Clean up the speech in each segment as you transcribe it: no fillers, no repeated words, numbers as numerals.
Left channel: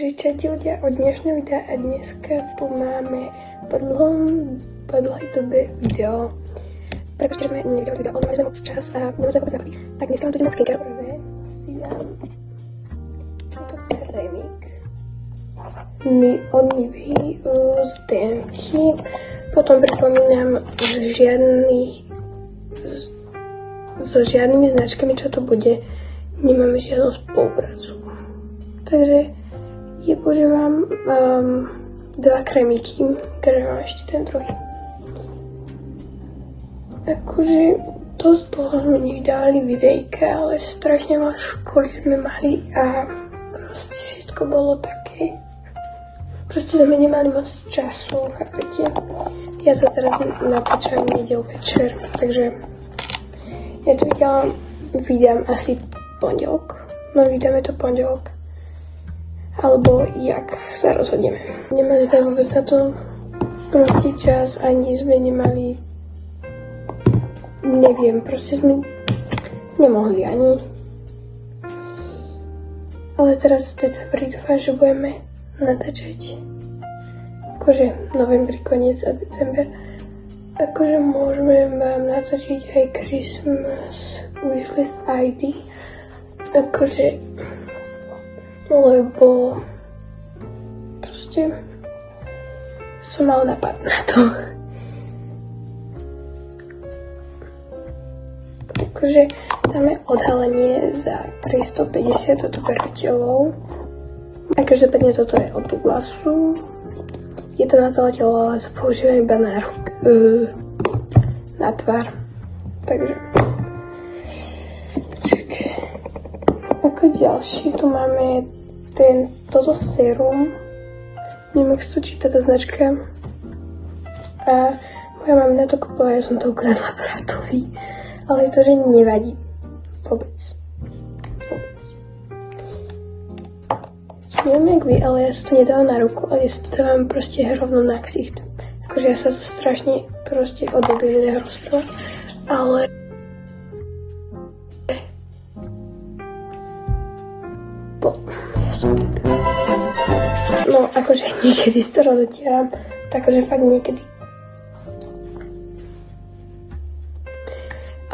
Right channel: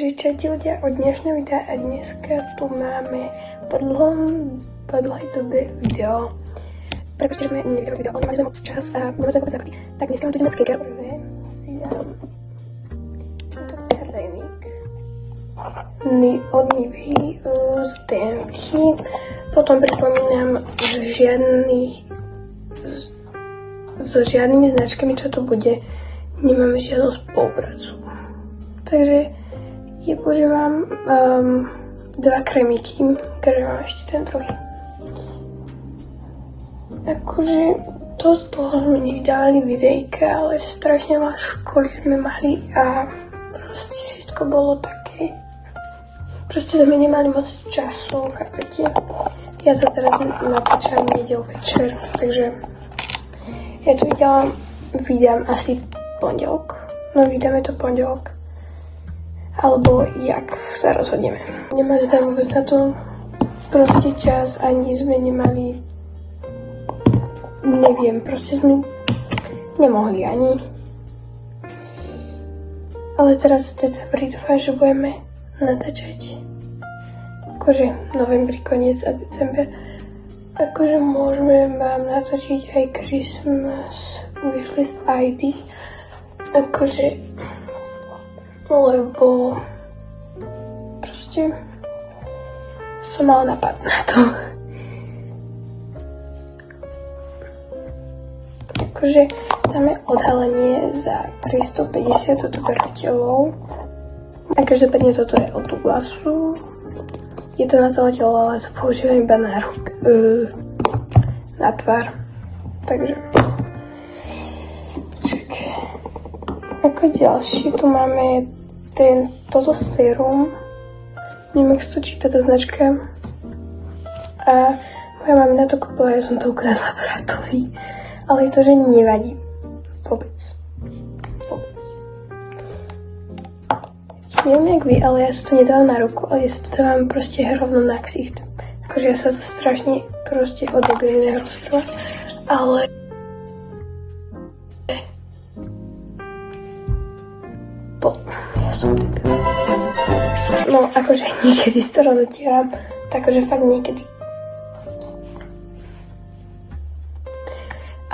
Čaute ľudia, od dnešného videa a dneska tu máme po dlhej dobe video. Pretože sme nevydali video, ale mali sme moc čas a boli sme západy. Tak dneska mám tu nemecké garové. Si dám tento krémik od Nivei z DMky. Potom pripomínam, so žiadnymi značkami, čo tu bude, nemáme žiadnu spoluprácu. Takže ja používam dva krémiky, ktoré mám ešte ten druhý. Akože dosť dlho sme nevydali videjka, ale strašne veľa školy sme mali a proste všetko bolo také. Proste sme nemali moc času, chápete? Ja sa teraz natáčam nedel večer, takže ja tu vydám asi pondelok. No vydáme to pondelok. Alebo jak sa rozhodneme. Nemali sme vôbec na to proste čas, ani sme nemali, neviem, proste sme nemohli ani. Ale teraz v decembri dúfam, že budeme natáčať. Akože novembri, koniec a december. Akože môžeme vám natočiť aj Christmas wishlist ID. Akože lebo proste som mala napad na to. Akože tam je odhalenie za 350 odberateľov. A každopádne toto je od Douglasu. Je to na celé telo, ale používam iba na tvár. Takže ako ďalší tu máme toto sérum. Neviem, ak sa to číta tá značka. A moja mamina to kúpila, ja som to ukradla bratovi. Ale to, že nevadí. Vôbec. Neviem, jak vy, ale ja si to nedávam na ruku, ale ja si to dávam proste rovno na ksicht. Akože ja sa to strašne proste odobrené rozpráva. Ale no, akože niekedy si to rozotieram, takže fakt niekedy.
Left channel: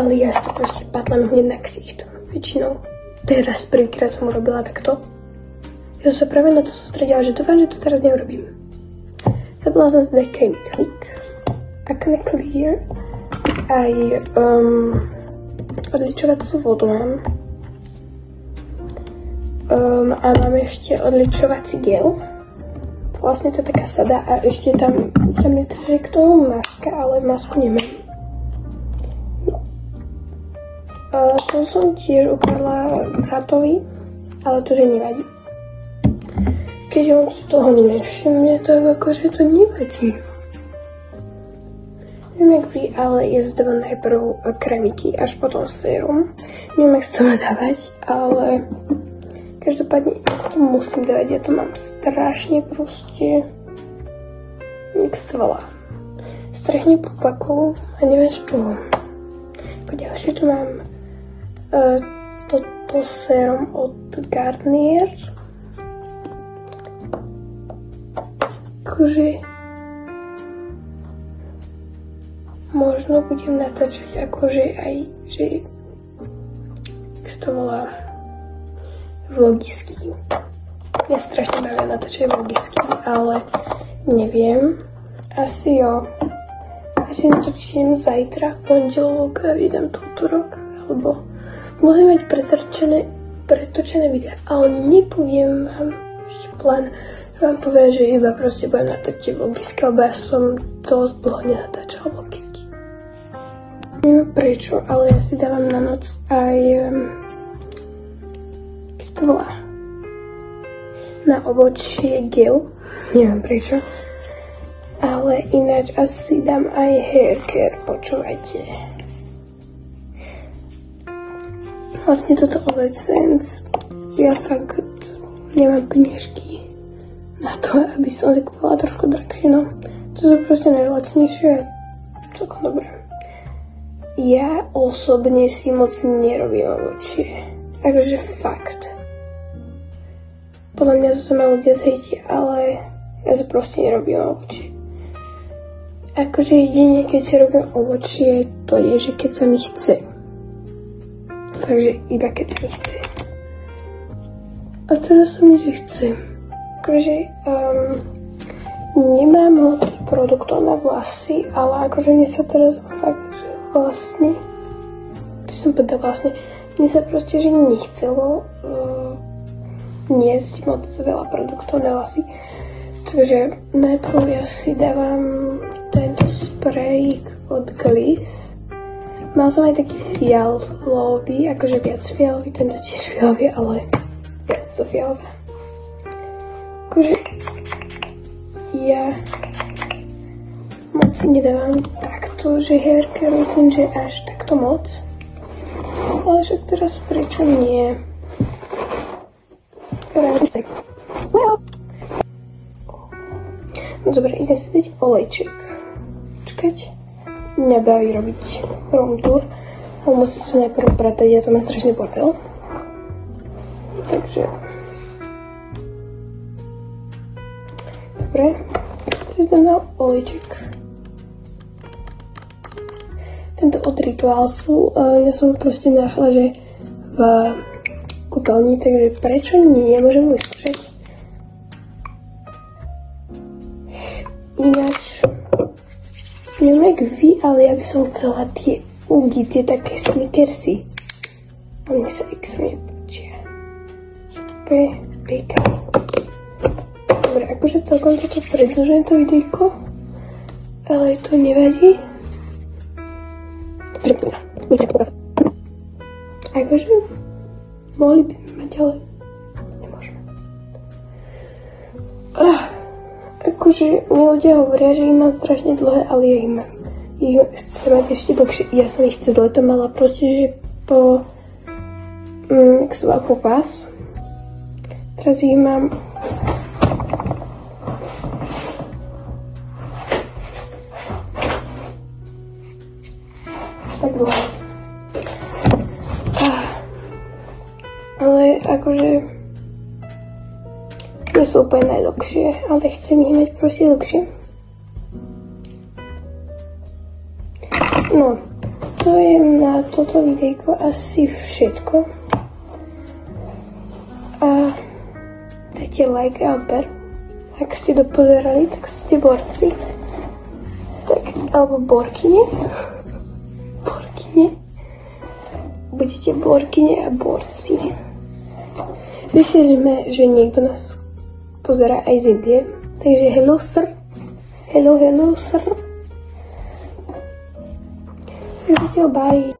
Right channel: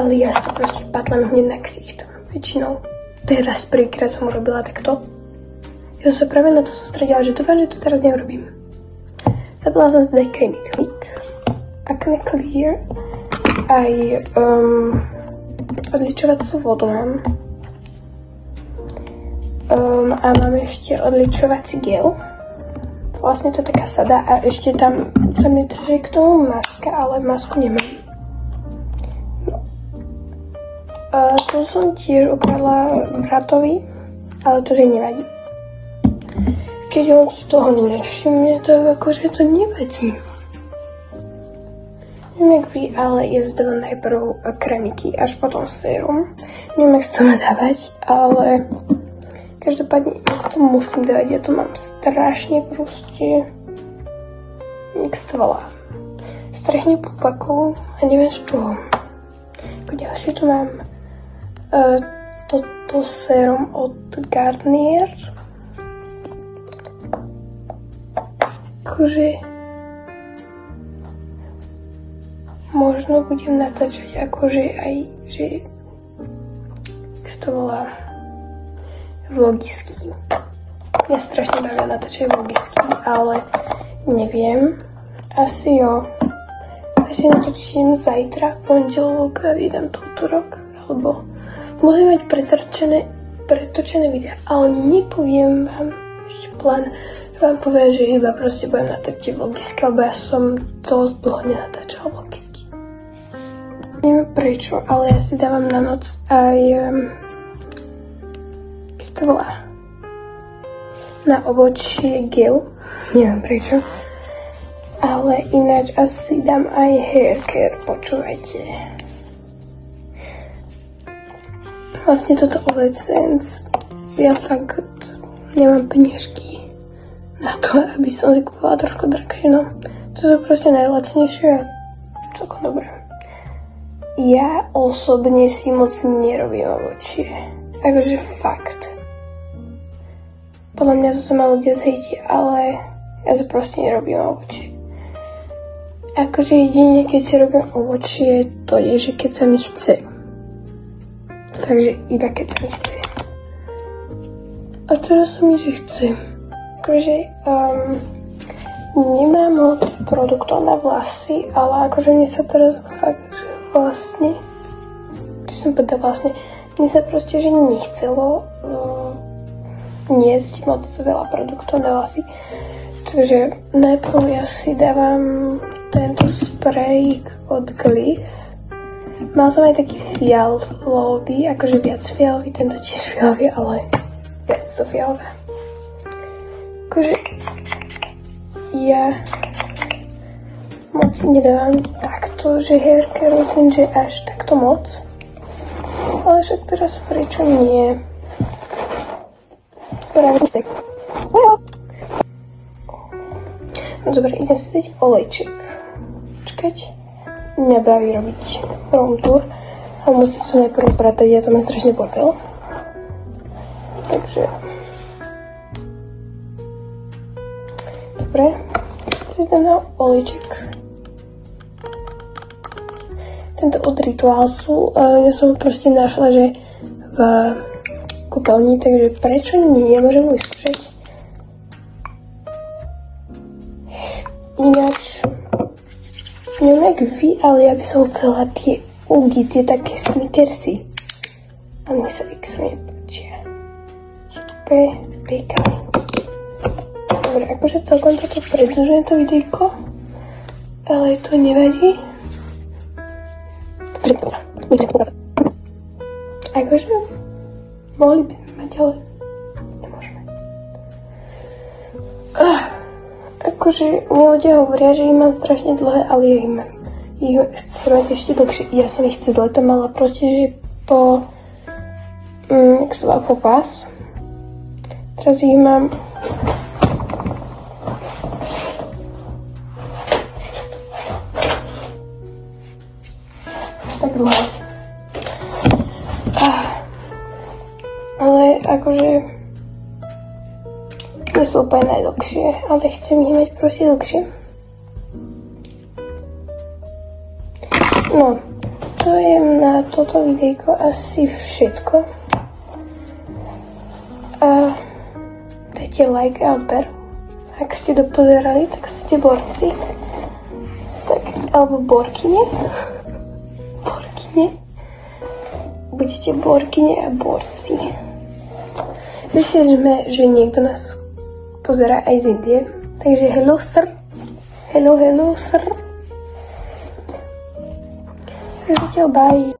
Ale ja si to proste patlám hneď na ksicht, väčšinou. Teraz prvýkrát som urobila takto. Ja som sa práve na to sústredila, že dúfam, že to teraz neurobím. Zabila som zde krémik Acne Clear aj odličovacú vodu mám. A máme ešte odličovací gel. Vlastne to taká sada a ešte tam je trošku k tomu maska, ale masku nemám. Tu som tiež ukradla bratovi, ale to, že nevadí. Keď on si toho nevšimne, tak akože to nevadí. Neviem, jak vy, ale je zde najprv krémiky, až potom sérum. Neviem, jak sa to má dávať, ale každopádne ja to musím dať, ja to mám strašne proste, jak sa to volá, strašne popakov a neviem z čoho. Ako ďalšie tu mám toto sérum od Garnier. Akože možno budem natáčať akože aj, že to volá vlogisky. Ja strašne rada natáčam vlogisky, ale neviem. Asi jo. Asi natočím zajtra, pondelok a vydám to útorok. Alebo musím mať pretočené videa, ale nepoviem vám ešte plán. Vám poviem, že iba proste budem natáčať vlogisky, lebo ja som dosť dlho nenatáčala vlogisky. Neviem prečo, ale ja si dávam na noc aj to volá na ovočie gel, neviem prečo, ale ináč asi dám aj hair care, počúvajte. Vlastne toto Essence, ja fakt nemám peniažky na to, aby som si kúpila trošku drahšie, no. To sú proste najlacnejšie a celkom dobré. Ja osobne si moc nerobím ovočie, akože fakt. podľa mňa to sa ma ľudia zhejti, ale ja to proste nerobím ovočie. Akože jedine, keď si robím ovočie, to je, že keď sa mi chce. Takže iba keď sa mi chce. A teraz sa mi, že chcem. Akože nemám moc produktov na vlasy, ale akože mne sa teraz fakt, že vlastne, mne sa proste, že nechcelo niesť moc veľa produktov na vlasy. Takže najprv ja si dávam tento sprej od Gliss. Mal som aj taký fialový, akože viac fialový, tento tiež fialový, ale viac to fialové. Akože ja moc nedávam takto, že hair keratin, že až takto moc. Ale však teraz prečo nie? Práve nechcem. Dobre, idem si dať olejček. Čakať. Nebaví robiť room-tour, ale musím sa najprv pratať, ja to mám strašne potel. Takže... Dobre, si dám na olejček. Tento od Ritualsu, ja som proste našla, že v kúpeľni, takže prečo nie, ja môžem vyskúšať. Ináč, neviem jak vy, ale ja by som chcela tie ugy, tie také snickersy. A mne sa X nepáčia. Sú úplne pekné. Dobre, akože celkom toto predĺžujem to videjko, ale to nevadí. Akože mohli by mať, ale nemôžeme. Akože mi ľudia hovoria, že ich mám strašne dlhé, ale ja ich mám. Ich chcem mať ešte dlhšie. Ja som ich cez leto mala proste, že po... jak sa volá, po pás. Teraz ich mám... tak dlhé. Ale akože... to sú úplne najdlhšie, ale chcem ich mať proste dlhšie. No, to je na toto videjko asi všetko. A dajte like a odber. Ak ste dopozerali, tak ste borci. Tak, alebo borkyne. Borkyne. Budete borkyne a borci. Myslím, že niekto nás pozerá aj z Indie. Takže hello sir. Hello sir. Zatiaľ bye.